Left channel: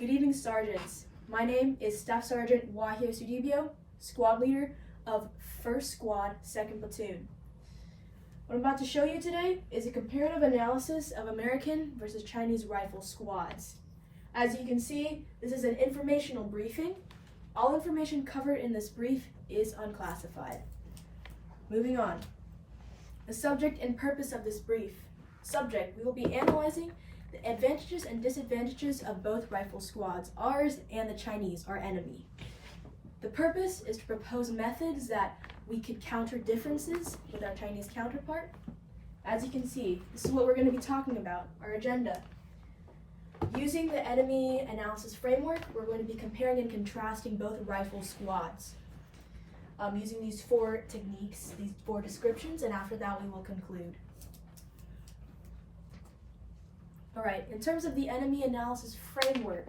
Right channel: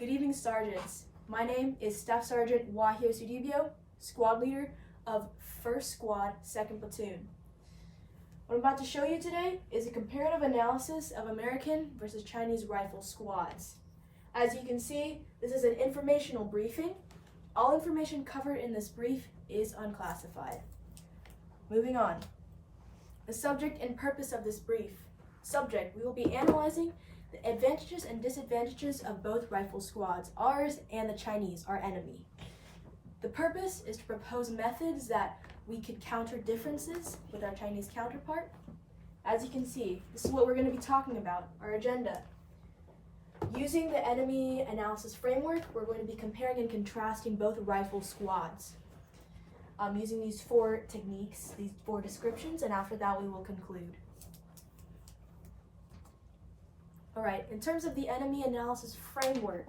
Good evening, Sergeants. My name is Staff Sergeant Wahjosoedibjo, Squad Leader of 1st Squad, 2nd Platoon. What I'm about to show you today is a comparative analysis of American versus Chinese rifle squads. As you can see, this is an informational briefing. All information covered in this brief is unclassified. Moving on. The subject and purpose of this brief. Subject, we will be analyzing the advantages and disadvantages of both rifle squads, ours and the Chinese, our enemy. The purpose is to propose methods that we could counter differences with our Chinese counterpart. As you can see, this is what we're going to be talking about, our agenda. Using the enemy analysis framework, we're going to be comparing and contrasting both rifle squads. Using these 4 techniques, these 4 descriptions, and after that we will conclude. Alright, in terms of the enemy analysis framework,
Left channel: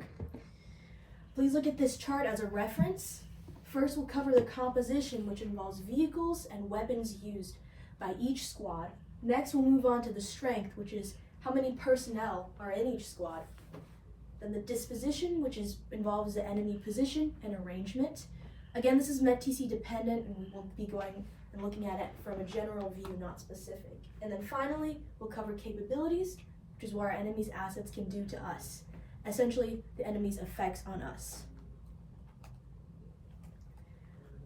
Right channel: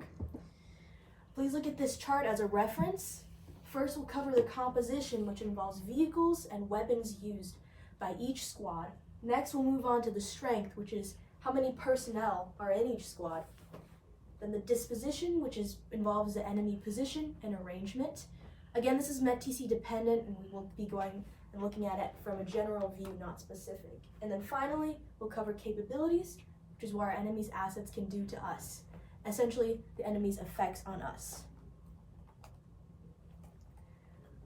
please look at this chart as a reference. First, we'll cover the composition, which involves vehicles and weapons used by each squad. Next, we'll move on to the strength, which is how many personnel are in each squad. Then the disposition, which involves the enemy position and arrangement. Again, this is meant TC dependent, and we will be going and looking at it from a general view, not specific. And then finally, we'll cover capabilities, which is what our enemy's assets can do to us. Essentially, the enemy's effects on us.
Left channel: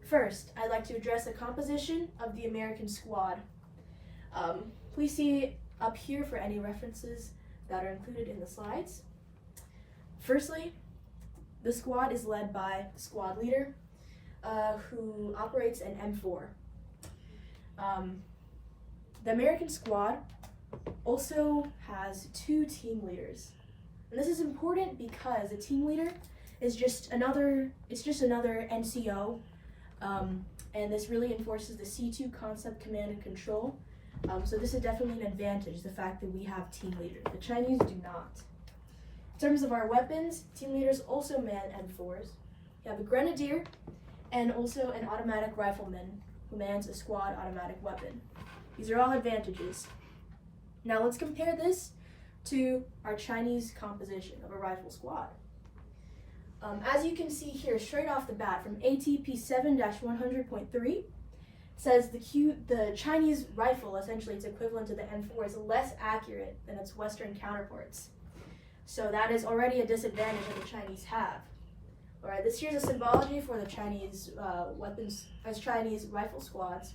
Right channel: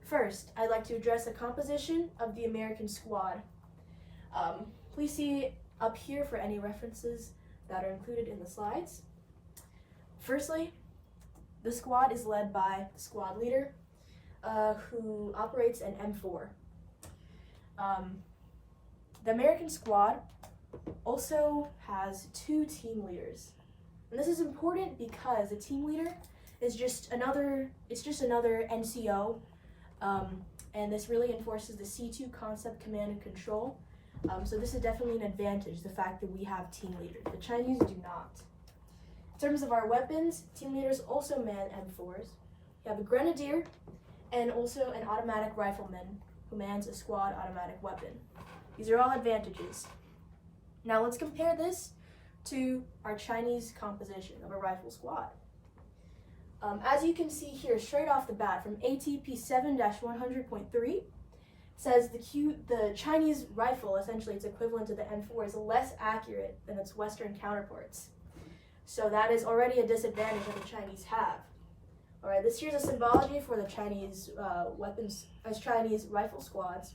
First, I'd like to address the composition of the American squad. Please see up here for any references that are included in the slides. Firstly, the squad is led by the squad leader, who operates an M4. The American squad also has 2 team leaders. And this is important because the team leader is just another NCO, and this really enforces the C2 concept, command and control. So this is definitely an advantage, the fact that we have team leaders. The Chinese do not. In terms of our weapons, team leaders also man M4s. We have a grenadier and also an automatic rifleman who mans a squad automatic weapon. These are all advantages. Now let's compare this to our Chinese composition of a rifle squad. As you can see here, straight off the bat from ATP 7-100.3, says the Chinese rifle, essentially its equivalent to the M4, is less accurate than its Western counterparts. So that is already a disadvantage that the Chinese have. All right, this here's a symbology for the Chinese weapons as Chinese rifle squads.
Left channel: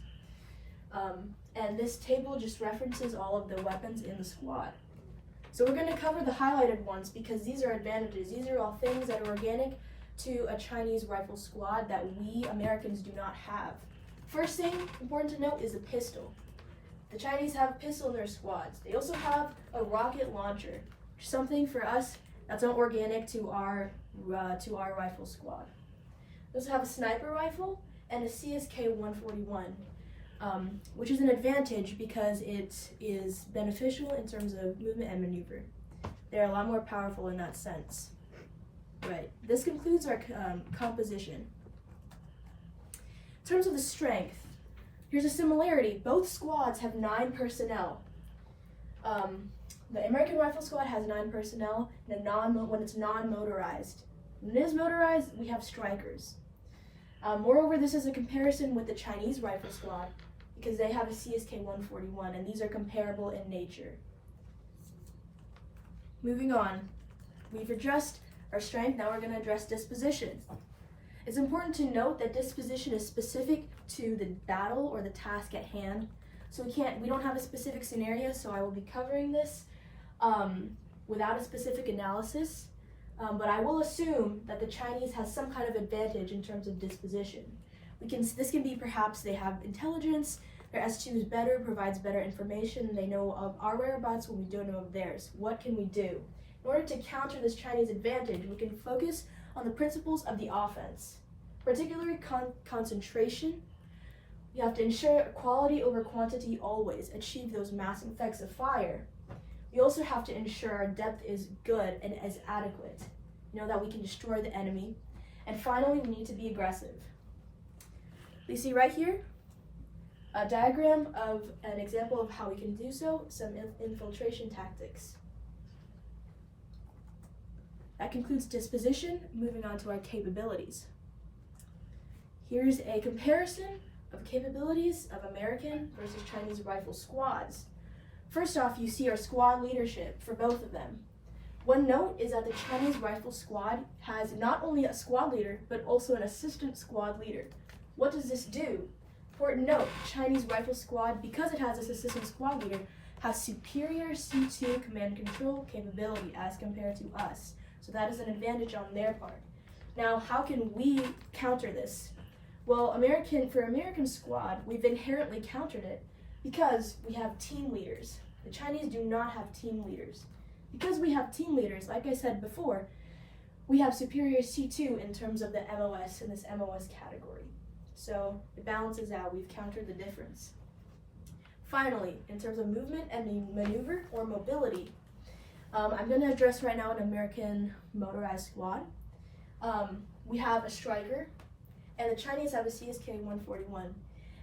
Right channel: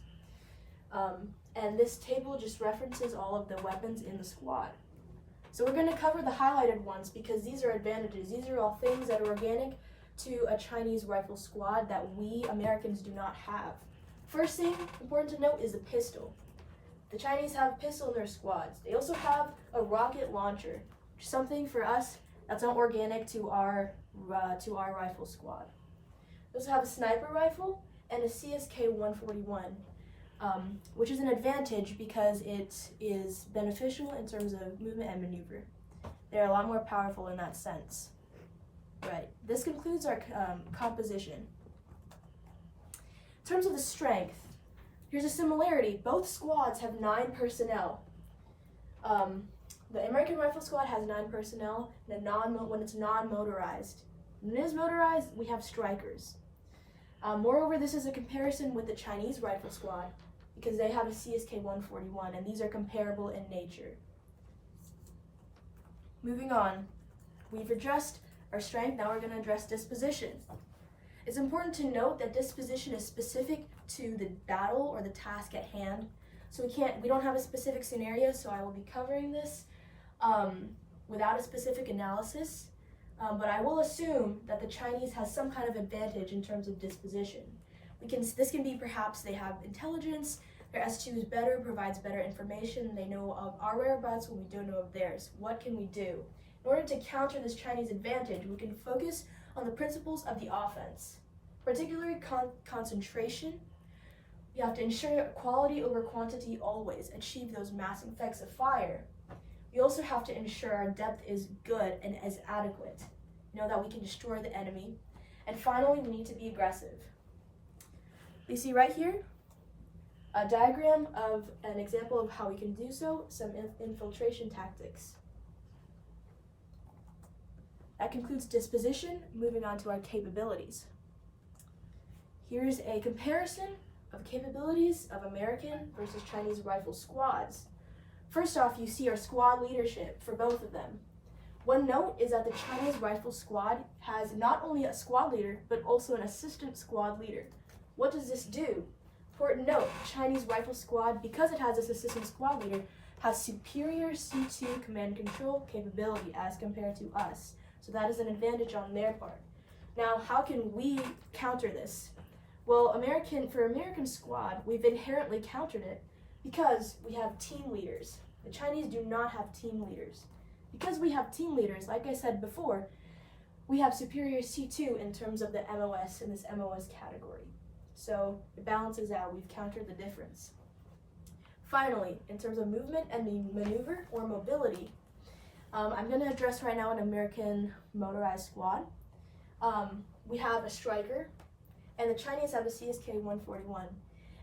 And this table just references all of the weapons in the squad. So we're going to cover the highlighted ones because these are advantages. These are all things that are organic to a Chinese rifle squad that we Americans do not have. First thing important to note is the pistol. The Chinese have a pistol in their squads. They also have a rocket launcher, something for us that's not organic to our rifle squad. We also have a sniper rifle and a CSK 141. Which is an advantage because it is beneficial in terms of movement and maneuver. They're a lot more powerful in that sense. Right, this concludes our composition. In terms of the strength, here's a similarity. Both squads have 9 personnel. The American Rifle Squad has 9 personnel when it's non-motorized. When it is motorized, we have strikers. Moreover, this is a comparison with the Chinese Rifle Squad, because they have a CSK 141, and these are comparable in nature. Moving on, we've addressed our strength, now we're going to address disposition. It's important to note that disposition is specific to the battle or the task at hand. So we don't have a specific scenario, so I will be covering this without a specific analysis, but I will assume that the Chinese has some kind of advantage in terms of disposition. This can be perhaps they have intelligence, their S2 is better, provides better information, they know of our whereabouts when we don't know of theirs. What can we do? In order to counter this Chinese advantage, we can focus on the principles of the offense, particularly concentration. You have to ensure quality over quantity always, achieve those massing effects of fire. We also have to ensure our depth is good and as adequate, that we can destroy the enemy. And finally, we need to be aggressive. We see right here a diagram of an example of how we can do so, some infiltration tactics. That concludes disposition. Moving on to our capabilities. Here's a comparison of capabilities of American versus Chinese rifle squads. First off, you see our squad leadership for both of them. One note is that the Chinese rifle squad has not only a squad leader, but also an assistant squad leader. What does this do? Important note, Chinese rifle squad, because it has this assistant squad leader, has superior C2 command and control capability as compared to us. So that is an advantage on their part. Now, how can we counter this? Well, for American squad, we've inherently countered it because we have team leaders. The Chinese do not have team leaders. Because we have team leaders, like I said before, we have superior C2 in terms of the MOS in this MOS category. So it balances out. We've countered the difference. Finally, in terms of movement and maneuver or mobility, I'm going to address right now an American motorized squad. We have a striker, and the Chinese have a CSK-141.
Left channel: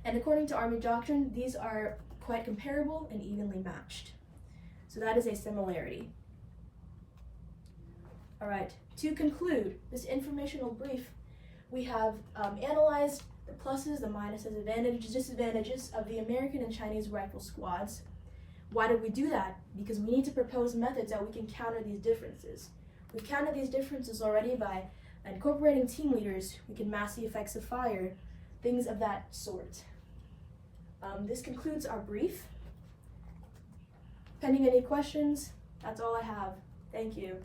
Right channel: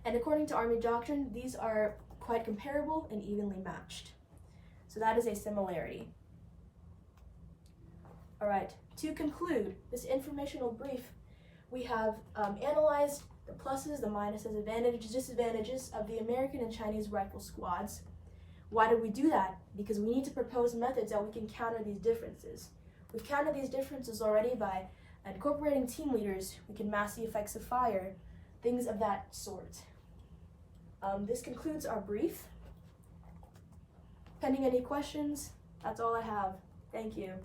And according to Army doctrine, these are quite comparable and evenly matched. So that is a similarity. All right, to conclude this informational brief, we have analyzed the pluses, the minuses, advantages, disadvantages of the American and Chinese rifle squads. Why did we do that? Because we need to propose methods that we can counter these differences. We've countered these differences already by incorporating team leaders. We can mask the effects of fire, things of that sort. This concludes our brief. Pending any questions, that's all I have. Thank you.